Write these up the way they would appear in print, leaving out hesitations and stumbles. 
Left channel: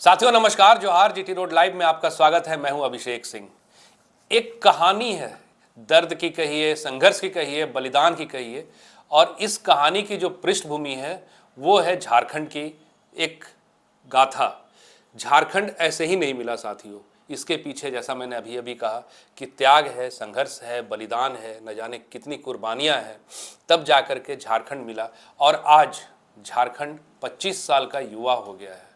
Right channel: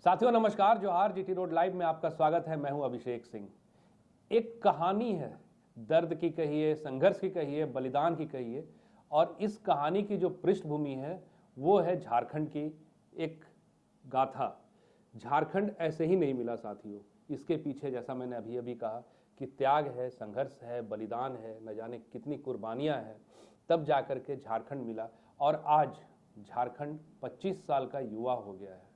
साथियों नमस्कार, जोहार। जीटी रोड लाइव में आपका स्वागत है। मैं हूं अभिषेक सिंह। एक कहानी है, दर्द की कहिए, संघर्ष की कहिए, बलिदान की कहिए, और इस कहानी की जो पृष्ठभूमि है वो है झारखंड की एक गाथा। झारखंड ऐसे ही नहीं मिला साथियों, इसके पीछे जैसा मैंने अभी अभी कहा कि त्याग है, संघर्ष है, बलिदान है, न जाने कितनी कुर्बानियां हैं, तब जाकर के झारखंड मिला। और आज झारखंड 25 साल का युवा हो गया है।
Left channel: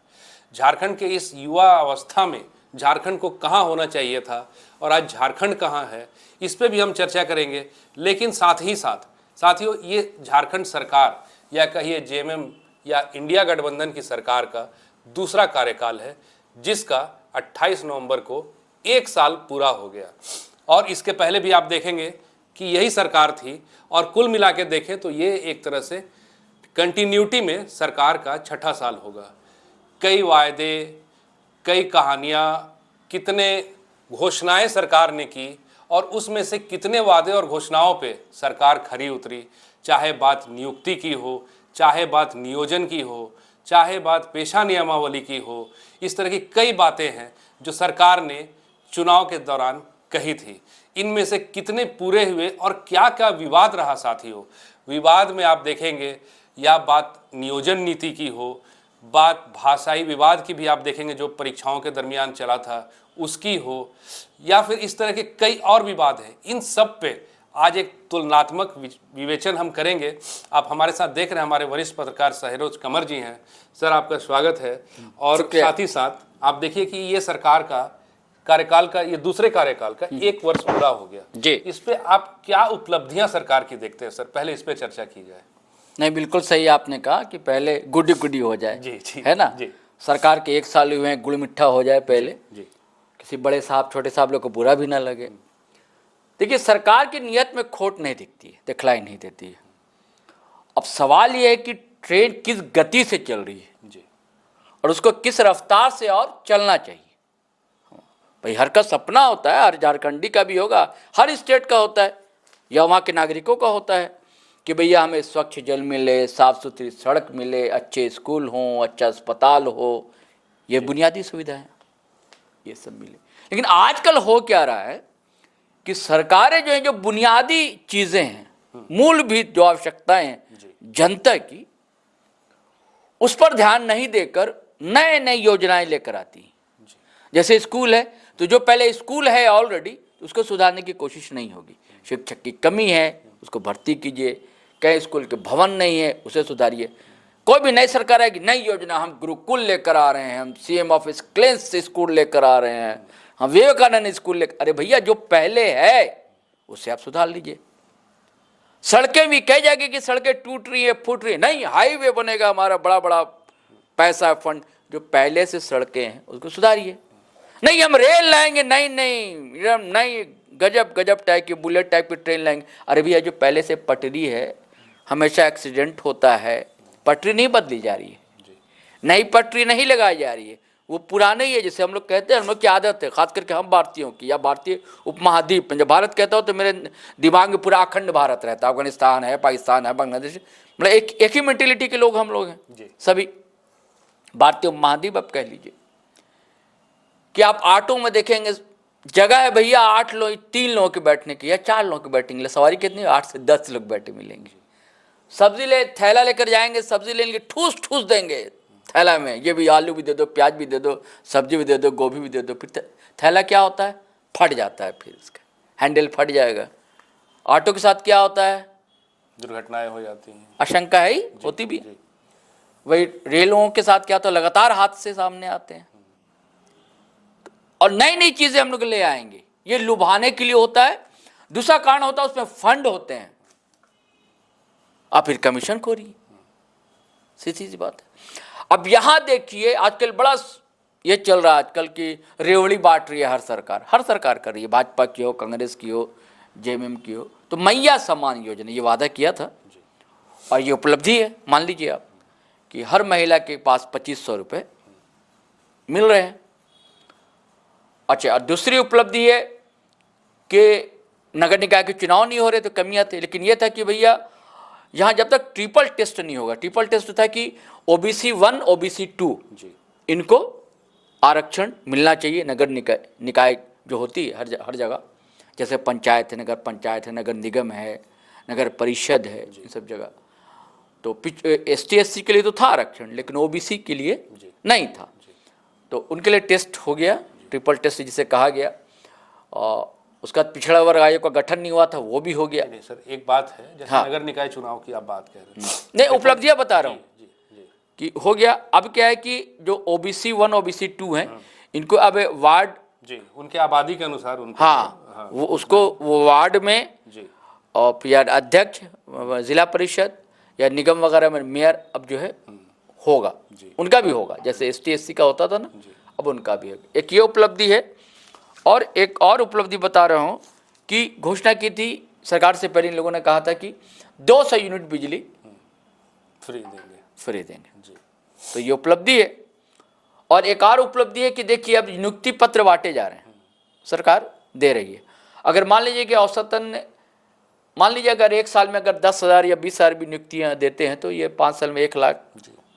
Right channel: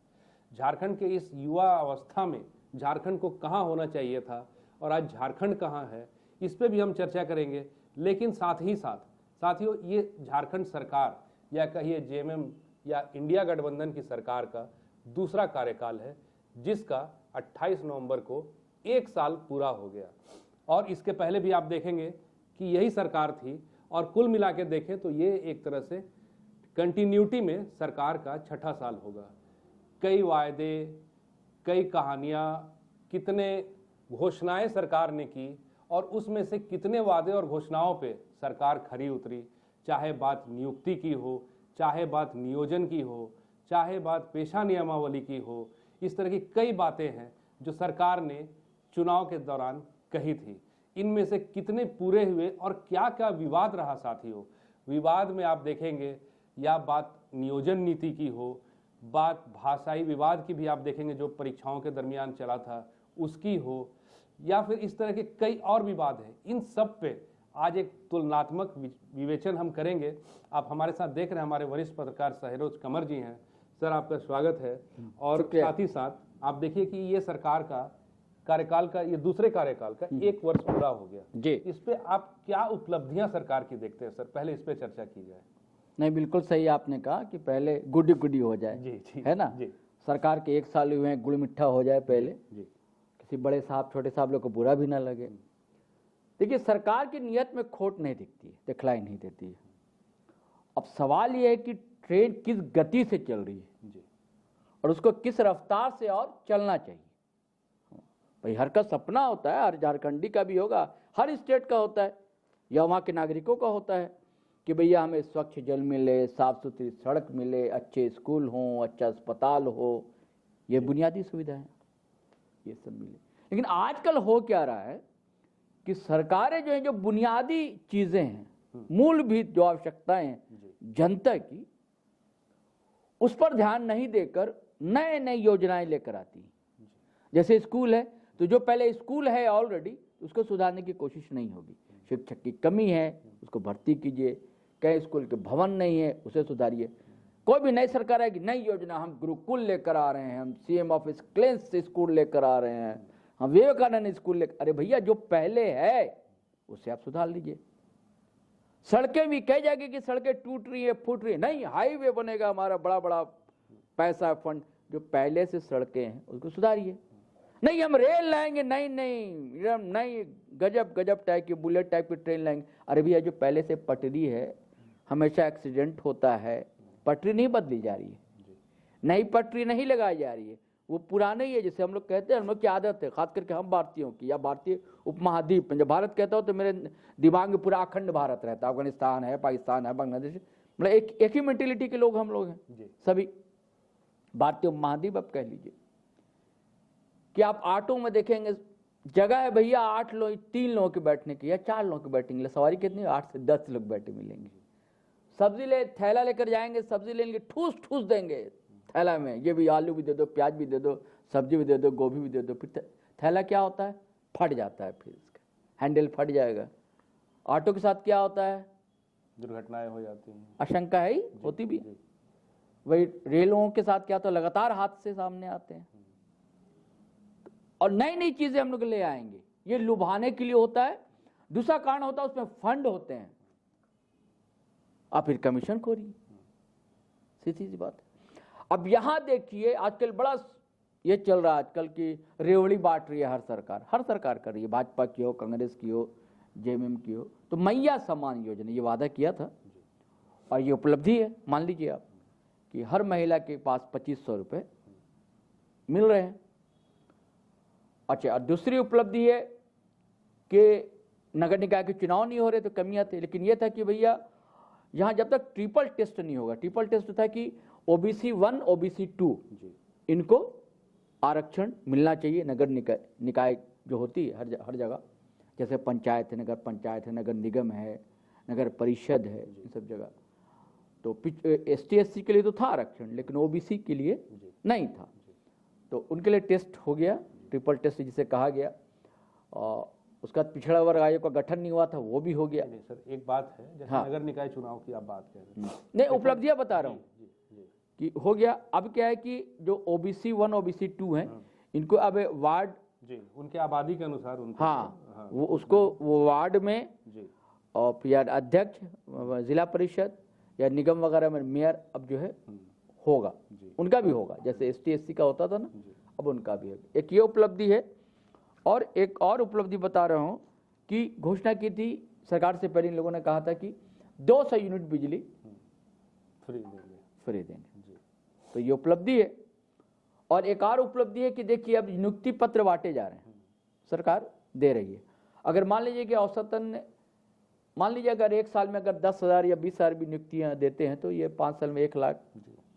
झारखंड के इस युवा अवस्था में झारखंड को कहाँ होना चाहिए था और आज झारखंड कहाँ है, इस पे भी हम चर्चा करेंगे। लेकिन साथ ही साथ साथियों, ये झारखंड सरकार या कहिए जेएमएम या इंडिया गठबंधन की सरकार का दूसरा कार्यकाल है, जिसका 28 नवंबर को 1 साल पूरा हो गया। और इसके पहले भी आप देखेंगे कि यही सरकार थी, और कुल मिला के देखें तो ये एक तरह से कंटिन्यूटी में सरकार का 6ठा साल होगा। कई वायदे, कई कहानियाँ, कितने घोषणाएं सरकार ने की, और उसमें से कितने वादे और घोषणाओं पे सरकार खरी उतरी। चाहे बात नियुक्ति की हो, चाहे बात नियोजन की हो, चाहे बात पेशा नियमावली की हो, इस तरह की कई बातें हैं जो सरकार ने चुनाव के दौरान कही थी। इनमें से कितने पूरे हुए और क्या क्या विवाद रहा साथियों। विवाद में आप देखेंगे, या बात नियोजन नीति की हो, बात भाषाई विवाद की भी आप देखेंगे जो परीक्षाओं के दरमियान चला था उसकी हो, या फिर इस तरह के कई और विवाद हैं। इन सब पे आज एक तुलनात्मक विवेचन हम करेंगे। आप हमारे साथ देख रहे हैं, हमारे वरिष्ठ पत्रकार सहरोज कंवर जी हैं। सर, आपका स्वागत है। और साथ ही साथ आप देखिए कि ये सरकार का कार्यकाल का, ये दूसरे कार्यकाल का 1 वर्ष पूरा हो गया जी। इस पे आप क्या उपलब्धियां सरकार की देखते हैं सर? पहले इस पे चर्चा की जाए। नहीं, बिल्कुल सही आपने कहा कि पहले गुडी गुडी हो जाए जी, है ना जी। सरकार के 1 साल हुए हैं, गुड़ मिठा हो जाए पहले जी। किसी बड़े साहब छोटे साहब लोग को बुरा भी ना लगे। देखिए, सरकार की नीयत में खोट नहीं दिखती है, दिखलाई नहीं देती है। अब सवाल ये है कि ट्रेन किस गति से चल रही है जी, और उसको किस रफ्तार से और चलना चाहिए। भाई, हर का सपना होता है, हर झारखंडी का भी होगा, हर स्टेट का होता है, या वहाँ के नागरिकों का होता है कि भैया हमें स्वच्छ जल मिले, साफ़ सुथरी सड़क मिले, अच्छे स्कूल हों, अच्छा अस्पताल हो, ये बुनियादी सुविधाएं ये सब मिले। लेकिन आजकल हो क्या रहा है कि सरकारें जो हैं, जो बुनियादी चीज़ें हैं, मूलभूत जो आवश्यकताएं हैं जनता की, उस पर ध्यान नहीं देकर नए नई योजनाएं लेकर आती हैं। जैसे स्कूल है, तो जो पहले स्कूल है ऑलरेडी, उसको सुधारने की कोशिश नहीं होगी। शिक्षक की कमी है, उसको भर्ती कीजिए। कई स्कूल के भवन नहीं है, उसे सुधारिए। कोई भी नई सरकार आएगी, नई योजना, हम गुरुकुल लेकर आ रहे हैं, हम सीएम ऑफ एक्सीलेंस स्कूल लेकर आ रहे हैं, हम विवेकानंद स्कूल लेकर। अरे भैया, जो पहले है उसे आप सुधार लीजिए। सड़कें भी कह जाएगी कि सड़कें टूट रही है, फूट रही है, नहीं, हाईवे बनेगा, हमारा बड़ा बड़ा पैसा फंड। जो पहले से सड़कें हैं उसको सुधारिए। नहीं, हम रेल लाएंगे, नहीं नहीं नहीं, गजब गजब टाइप की, बुलेट टाइप की ट्रेन लाएंगे। अरे भैया, जो पहले से पटरी है, हमेशा एक्सीडेंट होता है, पटरी नहीं बदली जा रही है, नई पटरी नहीं लगाई जा रही है, वो पुराना ही है। जैसे हम लोग कहते हैं, हम लोग की आदत है, खास करके हम भारतीयों की, या भारतीय उपमहाद्वीप में जब भारत कहता हो तो मेरे दिमाग में पूरा अखंड भारत रहता है। अफगानिस्तान है, पाकिस्तान है, बांग्लादेश, मतलब एक ही मेंटेलिटी के लोग हम लोग हैं सभी। भारतीय उपमहाद्वीप आप कह लीजिए कि आप ऑटो में देखेंगे, जगह है भैया 8 लोग, 3 लोगों के बैठने की या 4 लोगों के बैठने के लिए। सवारी कितनी? 8 से 10 लोग बैठे मिलेंगे। सब्जी ले, थैला लेकर जाएंगे, सब्जी लेंगे, ठूस ठूस देंगे थैला में, ये भी आलू भी दे दो, प्याज भी दे दो, सब्जी भी दे दो, गोभी भी दे दो। फिर थैला क्या होता है? फट जाता है, फिर इसका हैंडल फट जाएगा। ऑटो के साथ क्या होता है? दुर्घटनाएं हो जाती हैं, आशंका है ही, होती भी। वही रेलों के साथ क्या होता है? लगातार हादसे सामने आते हैं। और नई नई चीजें हम लोग ले आएंगे, ये लुभाने के लिए होता है। दूसरा कारण होता है, उसमें फंड होते हैं, और फिर कमीशन खोरी, सीधी सी बात है। अब यहां देखिए, आजकल बड़ा ये चल रहा है आजकल की रेवड़ी बांट रही है हर सरकार कर रही है, भाजपा की हो, कांग्रेस की हो, जेएमएम की हो। तो मैया सम्मान योजना, ये वादा किया था और ये उपलब्धि है। मान लीजिए आप कि हर महिला के पास 2500 रुपये मिल रहे हैं। अच्छा, और दूसरी उपलब्धि है कि नगर निकाय के चुनाव नहीं हो रहे तो कमियां थी, लेकिन यह था कि भैया यहाँ जब तक ट्रिपल टेस्ट नहीं होगा, ट्रिपल टेस्ट था कि OBC 1 OBC 2 इनको आरक्षण मिलना चाहिए। नगर निकाय जो होती है हर जगह, जैसे पंचायत है, नगर पंचायत है, नगर निगम है, नगर परिषद है, इन सब जगह। तो ST SC के लिए तो था आरक्षण, लेकिन OBC के लिए नहीं था। तो उनके लिए टेस्ट हो गया, ट्रिपल टेस्ट जिसे कहा गया। और उसका बाद पिछड़ा वर्ग आयोग का गठन नहीं हुआ था, वो भी हो गया। नहीं सर, एक बात है, जैसे नगर निकाय चुनाव की आप बात कह रहे हैं, नहीं उपलब्धियां बता रहा हूँ कि हो गया। अब क्या है कि जो OBC 1 OBC 2 हैं, इनको अब वार्ड जी, उनके आबादी के अनुसार उनको, हाँ, वो उसको वो वार्ड में जी, और या अध्यक्ष, जिला परिषद या निगम वगैरह में मेयर अब जो है होगा, उनका भी होगा, जैसे ST SC का होता था ना, अब उनका भी होगा। एक ये उपलब्धि है। और एक और उपलब्धि बता रहा हूँ कि घोषणा की थी सरकार से पहले, इन लोगों ने कहा था कि 200 यूनिट बिजली फ्री देंगे जी। तो ये उपलब्धि है। और एक और उपलब्धि है कि देखिए अब नियुक्ति पत्र बांटे जा रहे हैं, सरकार दे रही है। अगर मान लीजिए कि औसतन, मान लीजिए अगर एक साल में अगर 10,000 या 20,000 भी नियुक्तियां देते हैं, तो ये 5 साल में 1 लाख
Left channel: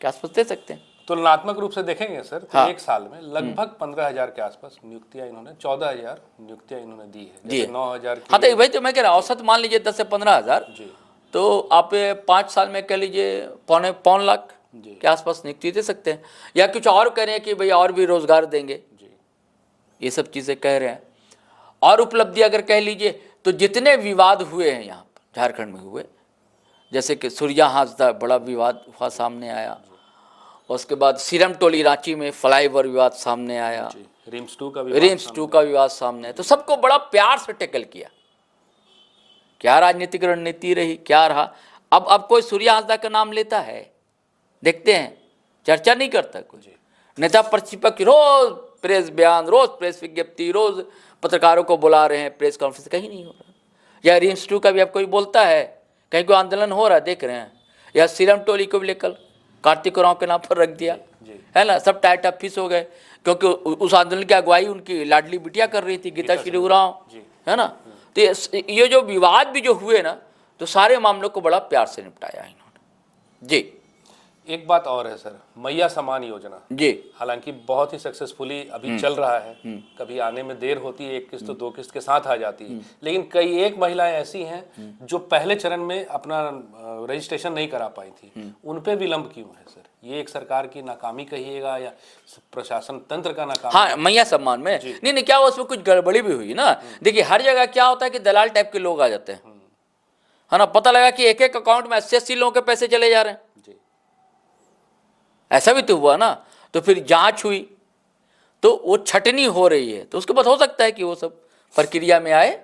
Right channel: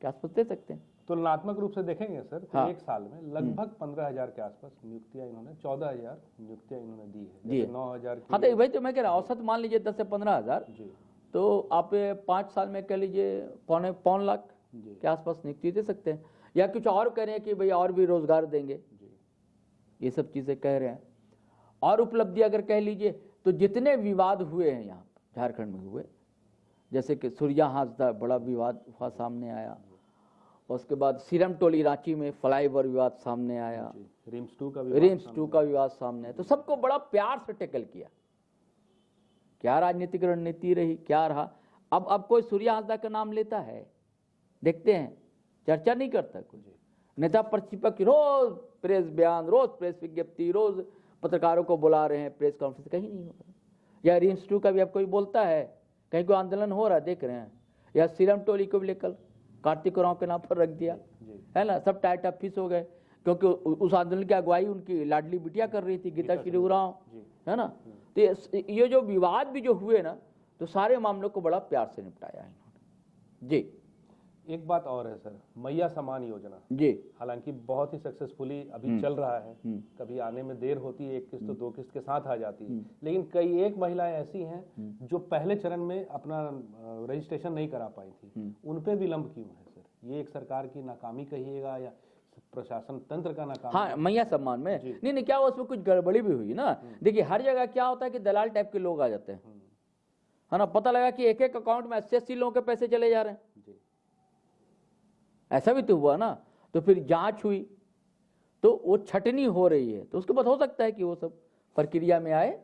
के आसपास दे सकते हैं। तुलनात्मक रूप से देखेंगे सर, तो एक साल में लगभग 15,000 के आसपास नियुक्तियां इन्होंने, 14,000 नियुक्तियां इन्होंने दी है, जैसे 9,000 हाँ, तो वही तो मैं कह रहा हूँ, औसत मान लीजिए 10 से 15,000, तो आप 5 साल में कह लीजिए पौन लाख के आसपास नियुक्ति दे सकते हैं। या कुछ और कह रहे हैं कि भाई और भी रोजगार देंगे, ये सब चीज़ें कह रहे हैं। और उपलब्धि अगर कह लीजिए तो जितने विवाद हुए हैं यहाँ पर झारखंड में हुए, जैसे कि सूर्या हांसदा बड़ा विवाद हुआ, सामने आया। उसके बाद सीरम टोली रांची में फ्लाईओवर विवाद सामने आया, रिम्स 2 का विवाद सामने आया। तो सबको बड़ा प्यार से टैकल किया। क्या राजनीतिक रणनीति रही, क्या रहा। अब कोई सूर्या हांसदा का नाम लेता है, देखते हैं, चर्चा नहीं करता कोई। नेता प्रतिपक्ष रोज प्रेस बयान, रोज प्रेस विज्ञप्ति, रोज पत्रकारों को बुला रहे हैं, प्रेस कॉन्फ्रेंस कहीं नहीं हो रहा। या रिम्स 2 का भी अब कोई बोलता है, कहीं कोई आंदोलन हो रहा है, देख रहे हैं। या सीरम टोली को भी लेकर कार्तिक उरांव के नाम पर रख दिया, है ना, सब टाइट अप फिस हो गए, क्योंकि उस आंदोलन की अगुवाई उनकी लाडली बिटिया कर रही थी, गीता श्री उरांव, है ना। तो ये जो विवाद भी जो हुए ना, तो सारे मामलों को बड़ा प्यार से निपटाया इन्होंने जी। एक बात और है सर, मैया सम्मान योजना जी, हालांकि बहुत ही सक्सेसफुली अभी चल रहा है। कभी आने में देर होती है, 1 किस्त तो 2 किस्त के साथ आ जाती है, लेकिन कई एक महिलाएं ऐसी हैं जो पहले चरण में अपना रजिस्ट्रेशन नहीं करा पाई थी, उन पे विलंब क्यों है सर? ये एक सरकार की नाकामी कहिएगा या प्रशासन तंत्र का नाकामी? हाँ, मैया सम्मान में नहीं, क्या हुआ, उसमें कुछ गड़बड़ी भी हुई ना। देखिए हर जगह क्या होता है कि दलाल टाइप के लोग आ जाते हैं, है ना। पता लगा कि एक अकाउंट में 80-80 लोगों के पैसे चले जा रहे हैं, ऐसा भी तो हुआ ना। तो फिर जांच हुई, तो वो छटनी हो रही है, तो उसके बाद हो सकता है कि वो सब प्रक्रिया में आए,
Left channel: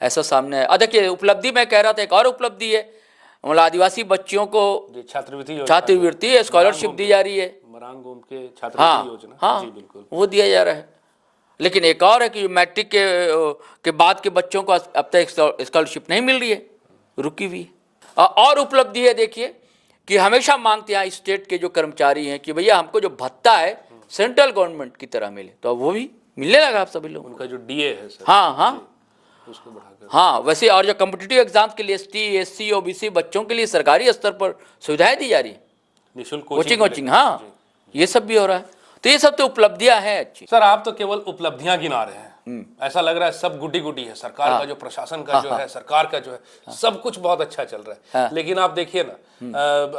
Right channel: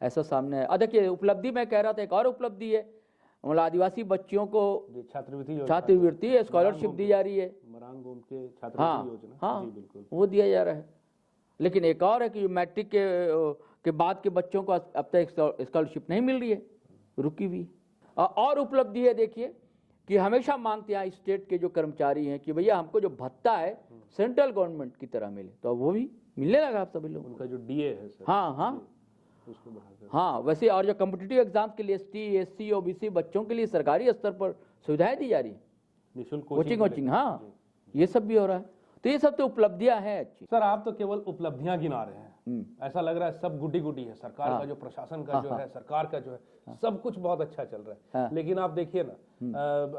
ऐसा सामने आए। देखिए उपलब्धि मैं कह रहा था, एक और उपलब्धि है, मतलब आदिवासी बच्चियों को छात्रवृत्ति स्कॉलरशिप दी जा रही है, मरांगोम के छात्रवृत्ति योजना। हाँ, जी बिल्कुल, वो दिया जा रहा है। लेकिन एक और है कि मैट्रिक के बाद के बच्चों को अब तक स्कॉलरशिप नहीं मिल रही है, रुकी हुई। और उपलब्धि है देखिए कि हमेशा मांगते हैं स्टेट के जो कर्मचारी हैं कि भैया हमको जो भत्ता है सेंट्रल गवर्नमेंट की तरह मिले, तो अब वो भी मिलने लगा आप सभी लोग। उनका जो DA है सर, हाँ, उसको बढ़ाकर, हाँ, वैसे और जो कॉम्पिटिटिव एग्जाम के लिए ST SC OBC बच्चों के लिए सरकारी स्तर पर सुविधाएं दी जा रही है, निःशुल्क कोचिंग, हाँ, ये सब भी हो रहा है। तो ये सब तो उपलब्धियां हैं अच्छी। सर आप तो केवल उपलब्धियां गिना रहे हैं, ऐसा लग रहा है सब गुड्डी गुड्डी है। सरकार का जो प्रशासन का जो है, सरकार का जो है, सब कुछ बहुत अच्छा चल रहा है। लेकिन आप देखिए ना,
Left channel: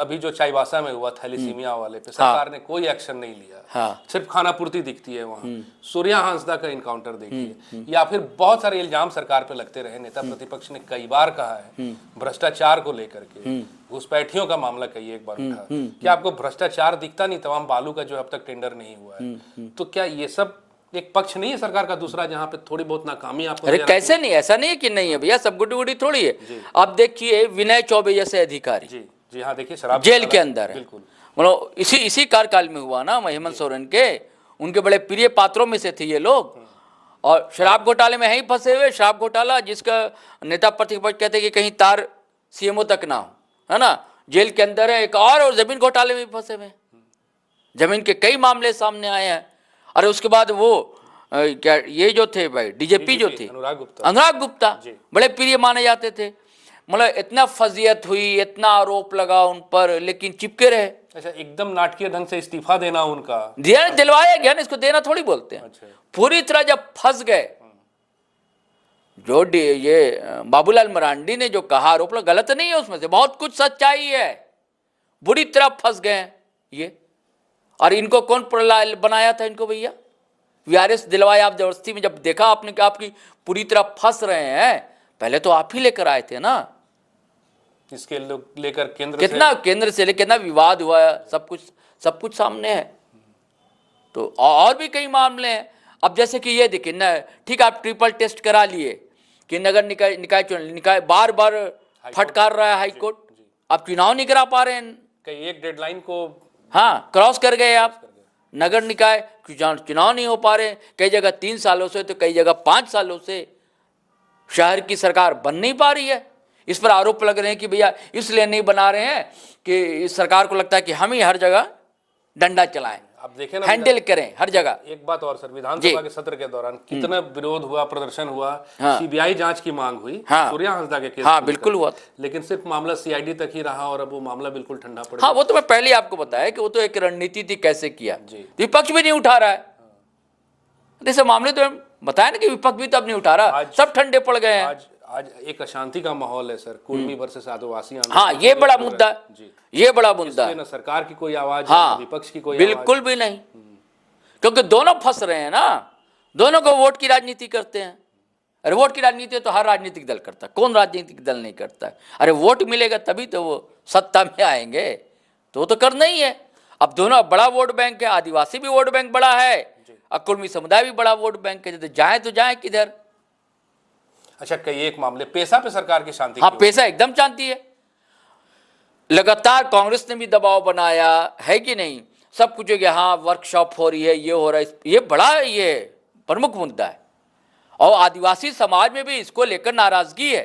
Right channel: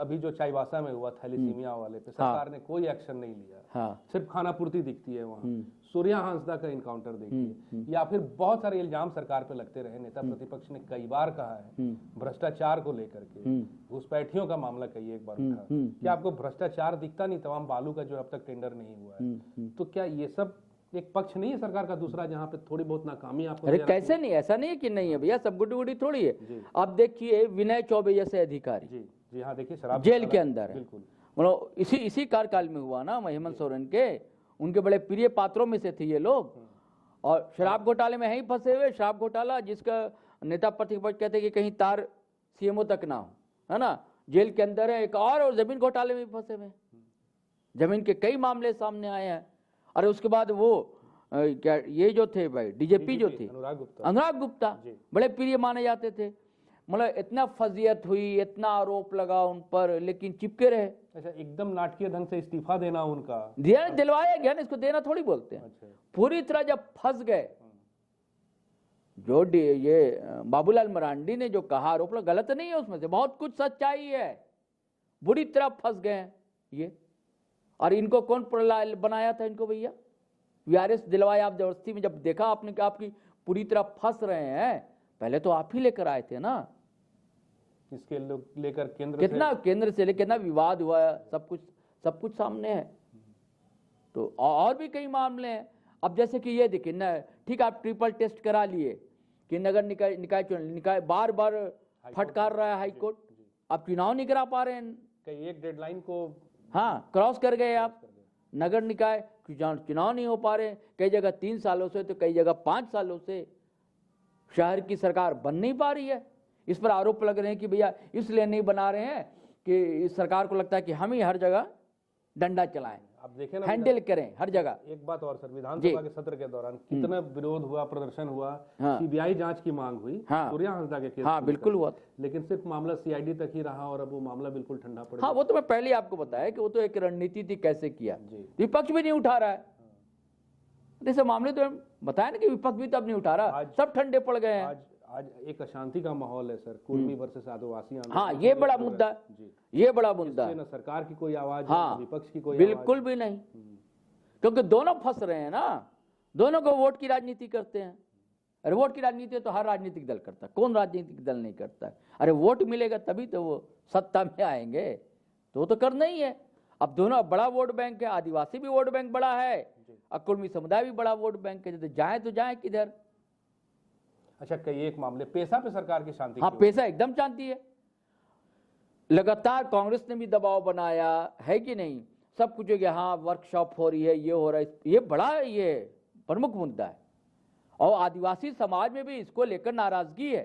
अभी जो चाईबासा में हुआ थैलीसीमिया वाले पे सरकार ने कोई एक्शन नहीं लिया, सिर्फ खानापूर्ति दिखती है वहाँ। सूर्या हांसदा का इनकाउंटर देखिए, या फिर बहुत सारे इल्जाम सरकार पे लगते रहे। नेता प्रतिपक्ष ने कई बार कहा है भ्रष्टाचार को लेकर के, घुसपैठियों का मामला कई एक बार उठा, क्या आपको भ्रष्टाचार दिखता नहीं? तमाम बालू का जो अब तक टेंडर नहीं हुआ है, तो क्या ये सब एक पक्ष नहीं है सरकार का दूसरा जहां पे थोड़ी बहुत नाकामी आपको? अरे कैसे नहीं, ऐसा नहीं है कि नहीं है भैया, सब गुड्डी गुड्डी थोड़ी है। आप देखिए विनय चौबे जैसे अधिकारी, जी हाँ, देखिए शराब जेल के अंदर है, बिल्कुल, मतलब इसी कार्यकाल में हुआ ना, हेमंत सोरेन के, उनके बड़े प्रिय पात्रों में से थे ये लोग। और शराब घोटाले में ही फंसे हुए, शराब घोटाला जिसका नेता प्रतिपक्ष कहते कि कहीं तार CMO तक ना हो, है ना, जेल के अंदर है। एक और जमीन घोटाले में फंसे हुए, जमीन के कई मामले सामने आए हैं। अरे उसके बाद वो क्या ये जो थे भाई DGP जो थे अनुराग गुप्ता, बड़े प्रिय माने जाते थे। मतलब इतना फजीयत हुई, इतना आरोप लगा उन पर, लेकिन चिपके रहे। अच्छा, एकदम नाटकीय ढंग से इस्तीफा देना उनका दिलवाया गया ना, इसको देना थोड़ी बोलते हैं। अच्छा। पूरी तरह जब फंस गए, जो ये बाबूलाल मरांडी ने जो कहा आरोप गलत नहीं है, उसमें से बहुत कुछ सच्चाई है। बुरी तरह फंस गए ये। और इनको कौन बनाया था इनको भैया? वीआरएस दिलवाया आप जबरदस्ती में। जब देखा आपने कि आपकी पूरी तरह फंस रहे हैं, पहले तो आप ही लेकर आए थे ना। इसके लेकर केंद्र से लेकर कितना विवाद हुआ है, सब कुछ सामने है। तो और भी कई मामले हैं। अब जैसे कि ये देखिए ना, ठीक, आप ट्रिपल टेस्ट करा लिए कि नगर निकाय बार बार फटकार रहा है हाईकोर्ट, आप चुनाव नहीं करा पा रहे हैं। कई एक डेडलाइन को क्रॉस कर गए आप। नगर निकाय चुनाव नहीं हो पा रहे, कई जगह 3 सालों से तो कई जगह 5 सालों से शहर की सरकार बन नहीं पा रही है। इस पर आरोप लग रहे हैं कि भैया इसलिए नहीं बना रहे हैं कि इस सरकार को लगता है कि हम ही हर जगह डंडा चलाएं, आप देखें ना, हैंडल करें हर जगह। एक बात और सर, विधानसभा के सत्र के दौरान कितना विरोध हुआ, प्रदर्शन हुआ, सीबीआई जांच की मांग हुई, सूर्या हांसदा के केस, बिल्कुल हुआ, लेकिन सिर्फ मामला सीआईडी तक ही रहा और अब वो मामला बिल्कुल ठंडा पड़ गया। वो तो मैं पहले आपको बताया कि वो तो एक रणनीति थी, कैसे किया। विपक्ष भी नहीं उठा रहा है। जैसे मामले तो बताया ना कि विपक्ष भी तब नहीं उठा रहा, सब ठंडे पड़ गए हैं। आज एक अशांति का माहौल है सर, कुर्मी वर्सेस आदिवासी आंदोलन। ये बड़ा मुद्दा है, ये बड़ा मुद्दा है। ना सरकार की कोई आवाज, विपक्ष की कोई बिल्कुल भी नहीं, क्योंकि दोनों फंस रहे हैं ना। दोनों को वोट की राजनीति करते हैं। अरे वोट की राजनीति तो हर राजनीतिक दल करता है, कौन राजनीतिक दल नहीं करता है? अरे वोट मिलेगा तभी तो वो सत्ता में आएंगे, तो वो तो करना ही है। अब दोनों बड़ा वोट बैंक है, आदिवासी भी वोट बैंक बड़ा है, कुर्मी समुदाय भी बड़ा वोट बैंक है। तो जाए किधर? अच्छा, कई एक मामले पेशा पे सरकार की शांति। पेशा एकदम शांति है। लगातार कांग्रेस ने भी दबाव बनाया है कि नहीं, सब कुछ है कि वर्कशॉप हो रही है, ये हो रहा है, ये बड़ा ये प्रमुख मुद्दा है। और आदिवासी समाज में भी इसको लेकर नाराजगी है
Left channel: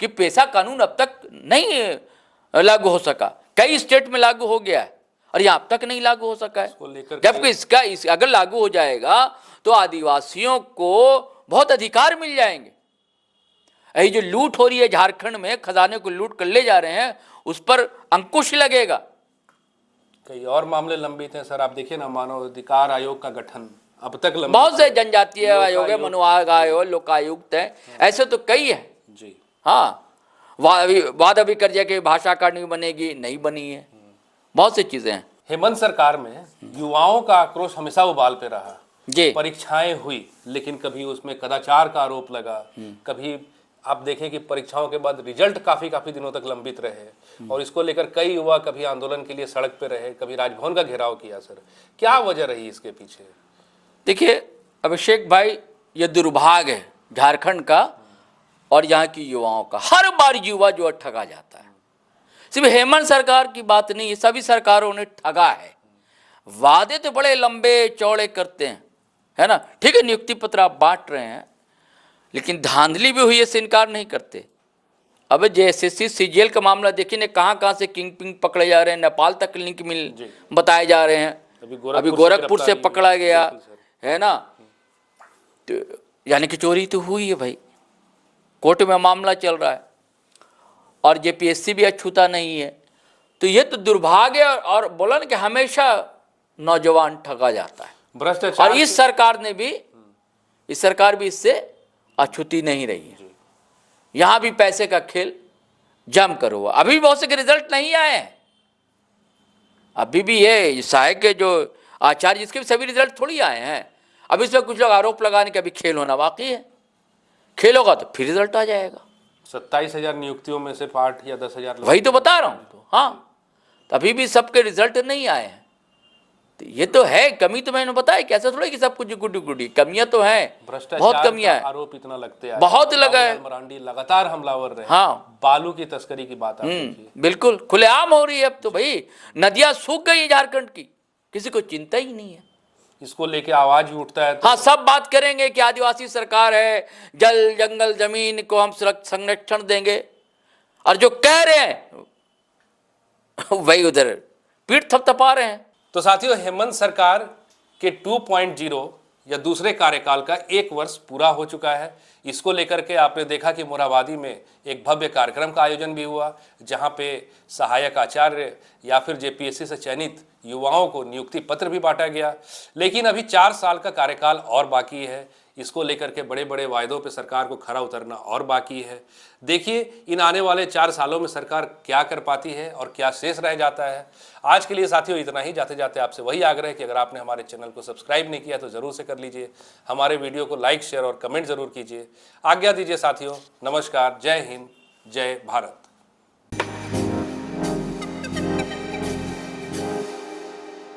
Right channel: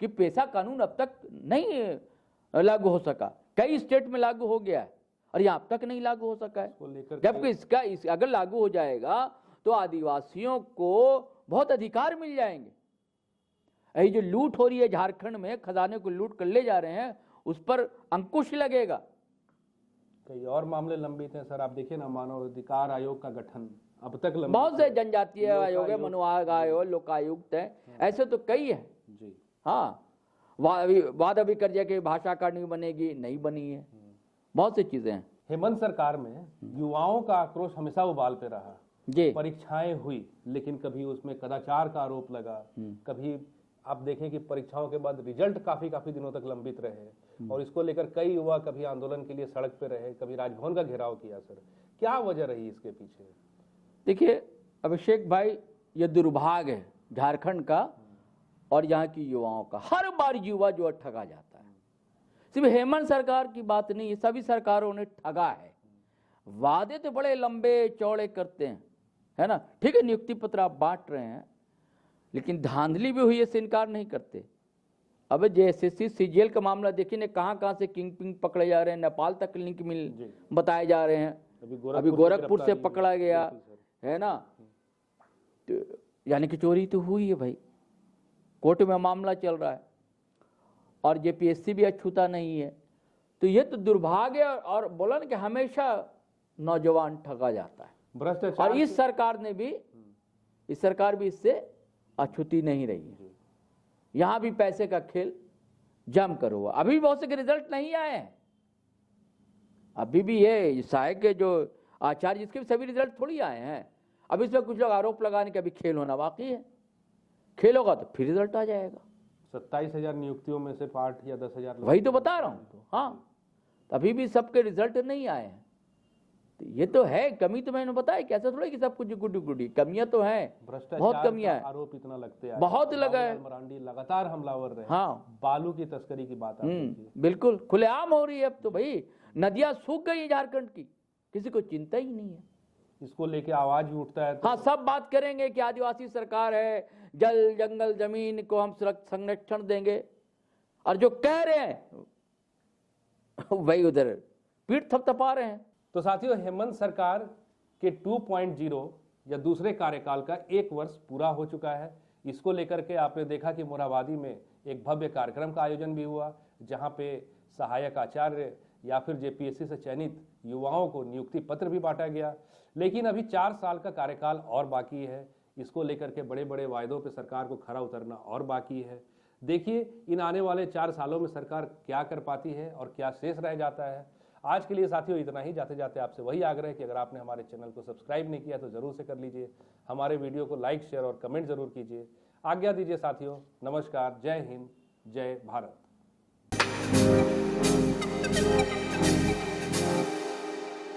कि पेशा कानून अब तक नहीं लागू हो सका। कई स्टेट में लागू हो गया है और यहाँ अब तक नहीं लागू हो सका है, जबकि अगर लागू हो जाएगा तो आदिवासियों को बहुत अधिकार मिल जाएंगे। ये जो लूट हो रही है झारखंड में, खजाने को लूट कर ले जा रहे हैं, उस पर अंकुश लगेगा। कई और मामले लंबित हैं सर, आप देखिए ना, मानव अधिकार आयोग का गठन अब तक बहुत से जनजातीय आयोग है, मनुआयोग आयोग, लोकायुक्त है, ऐसे तो कई है जी। वाद अभी कर दिया कि भाषा अकादमी बनेगी, नहीं बनी है, बहुत सी चीजें हैं। हेमंत सरकार में युवाओं का आक्रोश हमेशा उबाल पे रहा जी। परीक्षाएं हुई, लेकिन कभी उसमें कदाचार का आरोप लगा, कभी आप देखें कि परीक्षाओं के बाद रिजल्ट काफी दिनों तक लंबित रहे, और इसको लेकर कई युवा कभी आंदोलन के लिए सड़क पे रहे, कभी राजभवन का घेराव किया। सर, क्या वजह रही इसके पीछे? देखिए अभिषेक भाई, ये दुर्भाग्य है झारखंड का और यहाँ की युवाओं का। हर बार युवा जो ठगा जाता है। सिर्फ हेमंत सरकार की बात नहीं है, सभी सरकारों ने ठगा है। वादे तो बड़े लंबे चौड़े करते हैं, है ना, ठीक है, नियुक्ति पत्र आप बांट रहे हैं, लेकिन धांधली भी हुई है से इनकार नहीं करते। अब जेएसएससी सीजीएल का मामला देखिए ने, कहाँ से किंग पिंग पकड़े जा रहे हैं, नेपाल तक लिंक मिल बताए जा रहे हैं। अभी गोरखपुर से पकड़ा गया है ना, तो यानी कि चोरी तो हुई है भाई, कोर्ट में मामला चल रहा है और जेपीएससी भी अछूता नहीं है। तो ये तो दुर्भाग्य, और बोला ना कि हमेशा नौजवान ठगा जाता है भ्रष्टाचार। और इस सरकार भी इससे अछूती नहीं रही है। यहां भी पैसे का खेल जम कर हुआ। अभी भी बहुत से रिजल्ट नहीं आए हैं। अभी भी ये सहायक के जो आचार्य, जिसके भी सभी रिजल्ट थोड़ी आए हैं। अभी इसमें कुछ लोग आरोप लगाने के अभी खेल होना बाकी है। खेल होगा तो फिर रिजल्ट आ जाएगा। 27,000 नियुक्तियों में से 8 या 10,000, वही तो बता रहा हूं। तो अभी भी सबके रिजल्ट नहीं आए हैं। तो ये तो है कमी, तो मैंने बताया कैसे थोड़ा कि सब कुछ गुडी कमियां तो हैं, बहुत कमियां हैं। आरोप इतना लगते हैं, बहुत लगा है। मरांडी लगातार हमलावर रहे। बालू की तस्करी की बात बिल्कुल खुलेआम हो रही है। अब तो भाई नदियां सूख गई झारखंड की, किसी को चिंता ही नहीं है। इसको लेके आवाज भी उठता है तो सब बात करेंगे कि आदिवासी सरकार है, जल जंगल जमीन को हम संरक्षण देंगे, और जो कह रहे हैं वही उधर पीठ थपथपा रहे हैं। तो साथियों, हेमंत सरकार के 2.0 या दूसरे कार्यकाल का 1 वर्ष पूरा हो चुका है। इसको लेकर के आपने देखा कि मोरहाबादी में एक भव्य कार्यक्रम का आयोजन भी हुआ, जहां पे सहायक आचार्य या फिर जेपीएससी से चयनित युवाओं को नियुक्ति पत्र भी बांटा गया। लेकिन अभी 4 साल का कार्यकाल और बाकी है। इसको लेकर के बड़े बड़े वायदों पे सरकार को खरा उतरना और बाकी है। देखिए इन आने वाले 4 सालों में सरकार क्या कर पाती है और क्या शेष रह जाता है। आज के लिए साथियों इतना ही। जाते जाते आपसे वही आग्रह है कि अगर आपने हमारे चैनल को सब्सक्राइब नहीं किया तो ज़रूर से कर लीजिए। हमारे वीडियो को लाइक, शेयर और कमेंट ज़रूर कीजिए। आज्ञा दीजिए साथियों। नमस्कार। जय हिंद, जय भारत।